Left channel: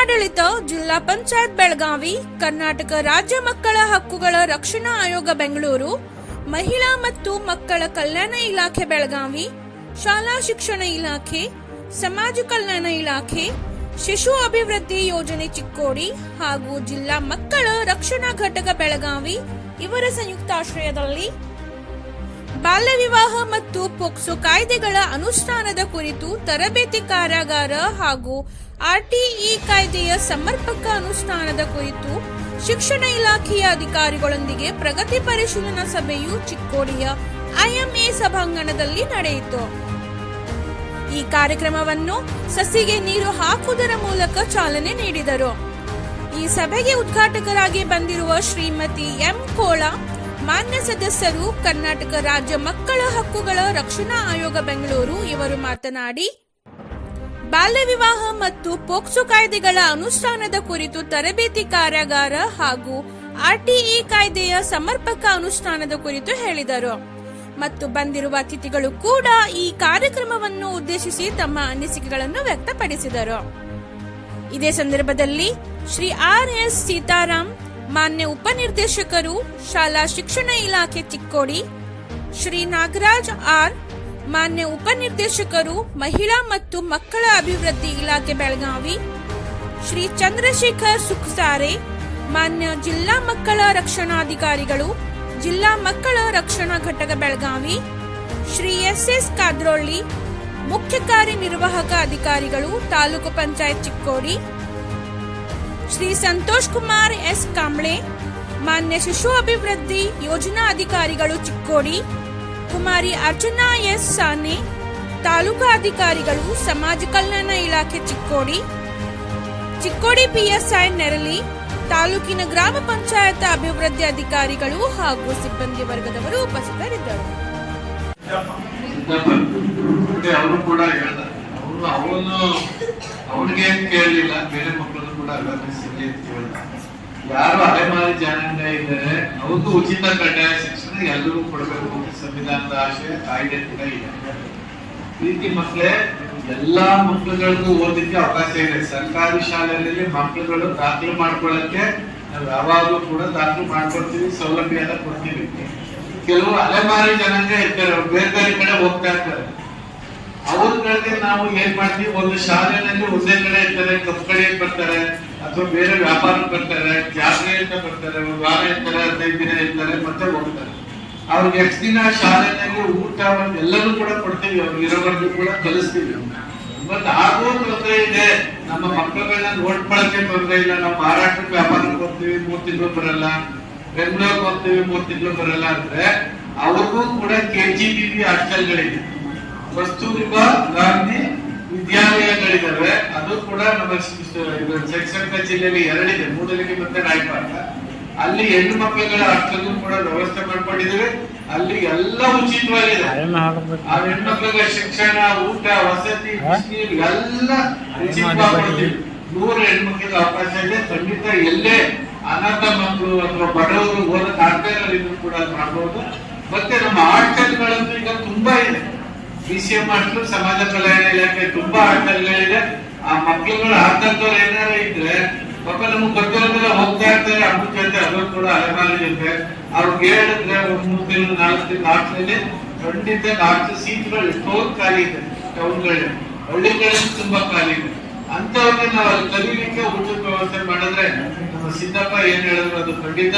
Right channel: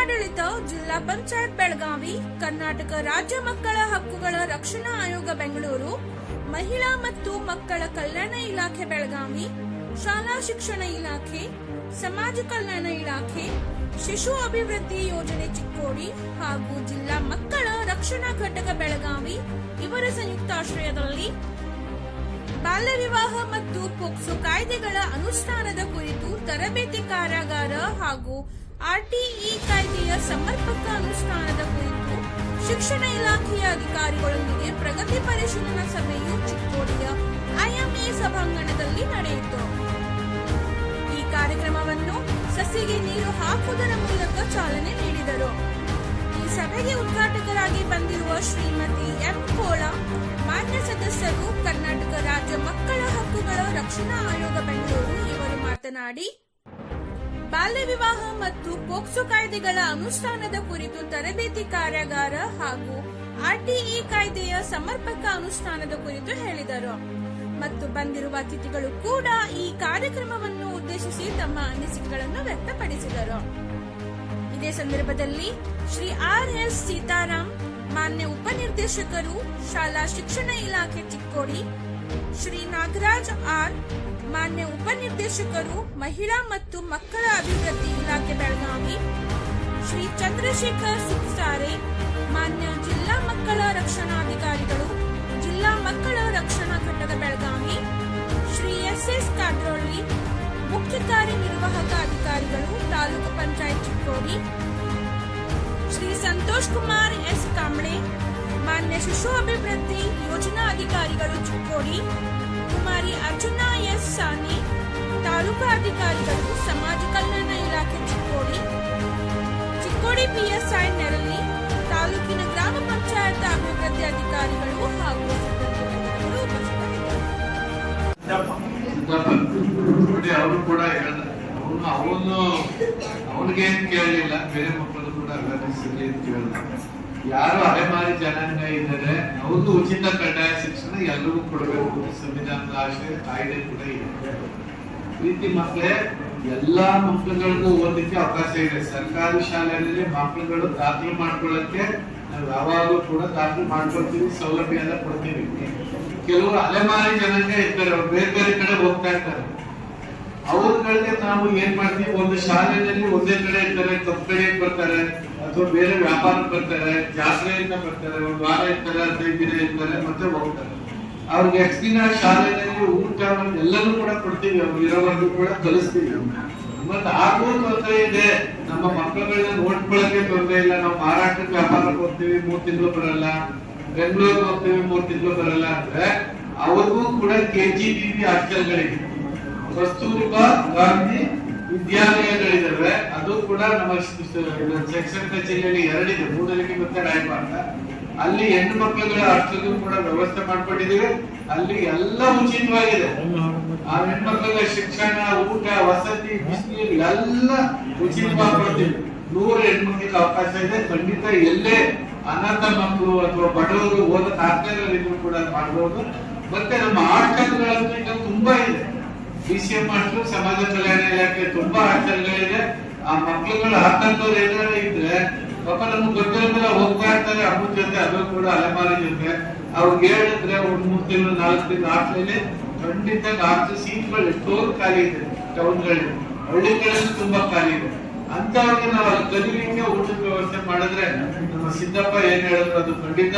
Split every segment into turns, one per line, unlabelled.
ಜಿಲ್ಲಾಡಳಿತ ಜಿಲ್ಲಾ ಪಂಚಾಯತ್ ಬೆಳಗಾವಿ, ಕರ್ನಾಟಕ ರಾಜ್ಯ ಮಕ್ಕಳ ಹಕ್ಕುಗಳ ರಕ್ಷಣಾ ಆಯೋಗ ಬೆಂಗಳೂರು, ಮಹಿಳಾ ಮತ್ತು ಮಕ್ಕಳ ಕಲ್ಯಾಣ ಇಲಾಖೆ ಬೆಳಗಾವಿ, ಶಾಲಾ ಶಿಕ್ಷಣ ಇಲಾಖೆ, ಸಮಾಜ ಕಲ್ಯಾಣ ಇಲಾಖೆ, ಶಿಶು ಅಭಿವೃದ್ಧಿ ಯೋಜನೆ ಚಿಕ್ಕೋಡಿ ಹಾಗೂ ಜಿಲ್ಲಾ ಮಕ್ಕಳ ರಕ್ಷಣಾ ಘಟಕ ಬೆಳಗಾವಿ ಇವರ ಸಂಯುಕ್ತಾಶ್ರಯದಲ್ಲಿ ಬಾಲ್ಯ ವಿವಾಹ ಮತ್ತು ಪೋಕ್ಸೋ ಕಾಯ್ದೆಗಳ ಅನುಷ್ಠಾನದ ಕುರಿತು ತರಬೇತಿ ಕಾರ್ಯಾಗಾರ ಹಾಗೂ ಆರ್ಟಿಇ ಕಾಯ್ದೆಯ ಸಮರ್ಪಕ ಅನುಷ್ಠಾನದ ಕುರಿತು ಶಿಕ್ಷಣ ಇಲಾಖೆಯ ಅಧಿಕಾರಿಗಳೊಂದಿಗೆ ಪ್ರಗತಿ ಪರಿಶೀಲನಾ ಸಭೆಯು ಚಿಕ್ಕೋಡಿಯ ಐಎಂಎ ಸಭಾಂಗಣದಲ್ಲಿ ನಡೆಯಿತು. ಈ ಕಾರ್ಯಕ್ರಮವನ್ನು ಸಸಿಗೆ ನೀರು ಹಾಕುವುದರ ಮೂಲಕ ಚಾಲನೆ ನೀಡಿದರು. ಈ ಸಭೆಗೆ ಉದ್ಘಾಟಕರಾಗಿ ಬಂದಿರುವ ಶ್ರೀಮತಿ ಎಂ ಕೋಳ, ಮಾನ್ಯ ಸದಸ್ಯರು, ಕರ್ನಾಟಕ ರಾಜ್ಯ ಮಕ್ಕಳ ಹಕ್ಕುಗಳ ರಕ್ಷಣಾ ಆಯೋಗ ಬೆಂಗಳೂರು ಇವರು ಮಾತನಾಡಿ ಬಾಲ್ಯ ವಿವಾಹ ಮತ್ತು ಪೋಕ್ಸೋ ಕಾಯ್ದೆಗಳ ಅನುಷ್ಠಾನದ ಕುರಿತು ತರಬೇತಿ ಕಾರ್ಯಾಗಾರ ಹಾಗೂ ಆರ್ಟಿಇ ಕಾಯ್ದೆಯ ಸಮರ್ಪಕ ಅನುಷ್ಠಾನದ ಕುರಿತು ಹೇಳಿದರು. ಮತ್ತು ಬಂದಿರುವ ಅತಿಥಿಗಳು ಕೂಡ ಈ ಕಾರ್ಯಕ್ರಮವನ್ನು ಉದ್ದೇಶಿಸಿ ತಮ್ಮ ಅನಿಸಿಕೆಗಳನ್ನು ವ್ಯಕ್ತಪಡಿಸಿದರು. ಇದೇ ಸಂದರ್ಭದಲ್ಲಿ ಶ್ರೀ ಆರ್ ಎಸ್ ಸೀತಾರಾಮ್ ಮಾನ್ಯ ಉಪನಿರ್ದೇಶಕರು, ಶಾಲಾ ಶಿಕ್ಷಣ ಇಲಾಖೆ ಚಿಕ್ಕೋಡಿ, ಶ್ರೀ ನಾಗರಾಜ್ ಆರ್. ಮಾನ್ಯ ಉಪನಿರ್ದೇಶಕರು, ಮಹಿಳಾ ಮತ್ತು ಮಕ್ಕಳ ಅಭಿವೃದ್ಧಿ ಇಲಾಖೆ ಬೆಳಗಾವಿ, ಶ್ರೀ ಚಂದ್ರಶೇಖರ್ ಸುಖಸಾರೆ ಮಾನ್ಯ ಜಿಲ್ಲಾ ಮಕ್ಕಳ ರಕ್ಷಣಾಧಿಕಾರಿಗಳು, ಜಿಲ್ಲಾ ಮಕ್ಕಳ ರಕ್ಷಣಾ ಘಟಕ ಬೆಳಗಾವಿ, ಶ್ರೀ ಎಸ್ ಎಸ್ ಕಾದ್ರೋಳ್ಳಿ, ಮುಖ್ಯ ಕಾರ್ಯನಿರ್ವಾಹಕ ಅಧಿಕಾರಿಗಳು, ತಾಲೂಕು ಪಂಚಾಯತ್ ಚಿಕ್ಕೋಡಿ, ಶ್ರೀ ಸಂತೋಷ್ ಕುಮಾರ್ ಎಸ್ ಕಾಂಬ್ಳೆ ಮಾನ್ಯ ಶಿಶು ಅಭಿವೃದ್ಧಿ ಯೋಜನಾ ಅಧಿಕಾರಿಗಳು ಚಿಕ್ಕೋಡಿ ಕುಮಾರಿ ಅರ್ಜುನ ಎಸ್ ಸಾನೆ ತಾಲೂಕಾಧಿಕಾರಿಗಳು ಸಮಾಜ ಕಲ್ಯಾಣ ಇಲಾಖೆ ಚಿಕ್ಕೋಡಿ ಚಿಕ್ಕೋಡಿ ಪಿಎಸ್ಐ ನೆರಳಿ ತಾಲೂಕಿನ ಗ್ರಾಮ ಪಂಚಾಯತ್ ಅಭಿವೃದ್ಧಿ ಅಧಿಕಾರಿಗಳು ಹಾಗೂ ಸಿಬ್ಬಂದಿ ವರ್ಗದವರು ಉಪಸ್ಥಿತರಿದ್ದರು.
ಅವರು ಕೂಡ ಅವನು ಅವನು ಅವನಿಗೆ ಕೇಳಲಿಲ್ಲ. ಬೇರೆ ಮಕ್ಕಳು ಕೂಡ ಅವೇರ್ನೆಸ್ ಅಂತ ಕೇಳ್ದ ಯಾರು ಅಲೆಮಾರಿ ಜನಾಂಗ ಇದ್ದಾರೆ ಅವ್ರಿಗೂ ಉಚಿತ ಕಡ್ಡಾಯ ಶಿಕ್ಷಣ ಎಲ್ಲರಿಗೂ ಕೊಡಬೇಕು. ಸಂವಿಧಾನದ ಆಶಯ ಕಾಯ್ದೆ ಕೂಡ ಇದೆ. ಪ್ರೀತಿ ಮಕ್ಕಳೇ ಎಲ್ಲಾ ಮಕ್ಕಳುಗಳಿಗೂ ಓದಲಿಕ್ಕೆ ಅವಕಾಶ ಇದೆ. ಸರ್ಕಾರಿ ಶಾಲೆಯಲ್ಲಿ ಮಕ್ಕಳುಗಳು ದಾಖಲು ಮಾಡ್ಕೊಳ್ಳಕ್ಕೆ ನಾವು ಯಾವಾಗಲೂ ಕೂಡ ದಾಖಲು ಮಾಡ್ಕೊಳ್ತೀವಿ ಸೌಲಭ್ಯ ಎಲ್ಲ ಕೊಡ್ತೀವಿ. ಕೆಲವು ಅಲೆಮಾರಿ ಜನಾಂಗ ಇರ್ತಾರೆ, ಅವ್ರು ಬೇರೆ ಬೇರೆ ಕಡೆ ಹೋಗ್ತಾ ಇರ್ತಾರೆ. ಅವ್ರಗಳಿಗೆ ನಾವು ಏನ್ ಮಾಡ್ತೀವಿ? ಒಂದು ಶಾಲೆಯಲ್ಲಿ ಒಂದೇ ಕಡೆ ಇರ್ತಾರೆ ಕಪ್ಪು ಕಡೆ ಬರ್ತಾರೆ. ಅಥವಾ ಬೇರೆ ವ್ಯಾಪಾರಕ್ಕೆ ಬರ್ತಾರೆ, ಜಾತ್ರೆಯಿಂದ ಬರ್ತಾರೆ, ಒಂದು ವಾರ ಇರ್ತಾರೆ, ಹದಿನೈದು ದಿನ ಇರ್ತಾರೆ, ಮತ್ತೆ ಹೋಗ್ತಾರೆ. ಅವ್ರಿಗೆ ಎಷ್ಟು ದಿನ ಶಾಲೆಯಲ್ಲಿ ಊಟ ಎಲ್ಲರೂ ಕೂಡ ಕೊಡ್ತೀವಿ ಅವ್ರಿಗೆ ಇರೋವರೆಗೂ ಕೂಡ ಕಲಿಸ್ತೀವಿ. ಬಟ್ ಆಗೂ ತೊಂದರೆ ಇದೆ. ನಮ್ಮ ಮಕ್ಕಳನ್ನ ನೋಡ್ಕೊಳಕ್ಕೆ ತೊಂದರೆ ಇಲ್ಲ. ನಾವು ಮಹಾರಾಷ್ಟ್ರಕ್ಕೆ ವ್ಯಾಪಾರಕ್ಕೆ ಹೋಗ್ತೀವಿ, ಮೂರ್ ತಿಂಗಳು ಬರಲ್ಲ. ಬೆಂಗಳೂರಿಗೆ ಹೋಗ್ತೀವಿ, ಮೂರ್ ತಿಂಗಳು ಬರಲ್ಲ ಅಂದ್ರೆ ಅವ್ರಿಗೂ ಕೂಡ ಕೆ ಜಿ ಬಿ ಬಿ ಹಾಸ್ಟೆಲ್ಗಳಿದೆ ಕಸ್ತೂರ್ಬಾ ಗಾಂಧಿ ವಿದ್ಯಾಲಯಗಳಿದಾವೆ ಅದು ಕೂಡ ನಮ್ಮ ಶಿಕ್ಷಣ ಜಿಲ್ಲೆಯಲ್ಲಿ ಎರಡಿದೆ ಮೂಡಲಿಗೆ ಮತ್ತೆ ರಾಯಪಾಟ ಅಲ್ಲಿ ಹೆಣ್ಣು ಮಕ್ಕಳುಗಳ ಅಷ್ಟಕ್ಕೂ ಕೂಡ ವ್ಯವಸ್ಥೆ ಮಾಡ್ಕೊಂಡಿದ್ದೀವಿ. ಅಲ್ಲಿ ಎಲ್ಲ ಉಚಿತವಾಗಿದೆ. ಆ ಹೆಣ್ಮಕ್ಳಿಗೆ ಶಿಕ್ಷಣ ಊಟ ವಸತಿ ಬಿಸಿನೀರು ಎಲ್ಲ. ನೂರು ಹೆಣ್ಮಕ್ಳಿಗೆ ಅವಕಾಶ ಇದೆ. ಖಂಡಿತ ಎಲ್ಲೇ ಅನಾಥ ಮಕ್ಕಳು ಅಥವಾ ಬಡವರು ಓದಕ್ಕೆ ಆಗ್ತಾ ಇರೋರು ಕೂಡ ಮಾಡ್ಬೋದು. ಮತ್ತೆ ನಮ್ಮ ಹಾಸ್ಟೆಲ್ಗಳಂತೂ ಈಗ ತುಂಬಾ ಇದೆ ಬಿ ಸಿ ಹಾಸ್ಟೆಲ್ ಸಮಾಜ ಕಲ್ಯಾಣ ಇಲಾಖೆ ತುಂಬಾ ಆಟಗಳಿದೆ ಆ ಮಕ್ಳುಗಳು ಹತ್ತಂತವ್ರು ಏನಾರ ಇದ್ರೆ ಪಾಪ ನಮ್ಗೆ ಗೊತ್ತಿರೋದಿಲ್ಲ ಹೋಗ್ತಾ ಇರ್ತಾರೆ. ಅಮ್ಮನ ಜೊತೆ ಅದು ಕೂಡ ಅಲೆಮಾರಿ ಜೊತೆ. ಅವ್ರಿಗೆ ಹೇಳಿದ್ರೆ ಒಂದ್ ಮೂರು ತಿಂಗಳು, ನಾಲ್ಕು ತಿಂಗಳು ಹಾಸ್ಟೆಲ್ ಖಂಡಿತ ನಾಲ್ಕು ಸೀಟ್ಗಳು ಎಷ್ಟೋ ಖಾಲಿ ಇದೆ ಟೌನ್ಗಳಲ್ಲಿ. ಹಳ್ಳಿಗಳಲ್ಲಿ ತುಂಬಾ ಖಾಲಿ ಇದೆ. ಅಂತವ್ರಿಗೆ ನಾವು ಅಲ್ಲಿ ಕಲೀಲಿಕ್ಕೆ ಊಟದ ವ್ಯವಸ್ಥೆ ಮಾಡಿದ್ರೆ ನಮ್ಮ ಸಿದ್ದಪ್ಪ ಏನ್ ಹೇಳಿದ್ರು ಅದು ಖಂಡಿತ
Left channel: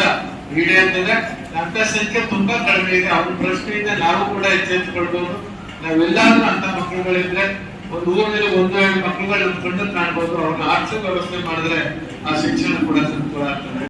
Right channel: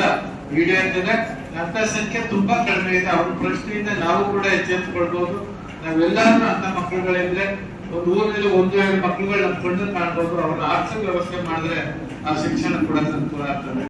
ಈಡೇರ್ತದೆ. ಅಂತ ಸಂಖ್ಯೆ ತುಂಬಾ ಕಡಿಮೆ ಇದೆ. ಅವ್ರ ಪ್ರಶ್ನೆಯಿಂದ ನಾವು ಕೂಡ ಎಚ್ಚೆತ್ತುಕೊಳ್ಬಹುದು ನಾವೆಲ್ಲಾದ್ರೂ ಅಂತ ಮಕ್ಕಳುಗಳಿದ್ರೆ ಒಂದು ಊರಿನಲ್ಲಿ ಒಂದು ಎರಡು ಮಕ್ಕಳುಗಳು ನಮ್ಮ ಕಣ್ಣನ್ನು ಕಾಣ್ಬೋದು ಅವ್ರನ್ನ ಆರ್ಥಿಕ ವ್ಯವಸ್ಥೆ ಮಾಡಿದ್ರೆ ಆ ಶಿಕ್ಷಣ ಕೂಡ ಅನುಕೂಲ ಆಗ್ತದೆ.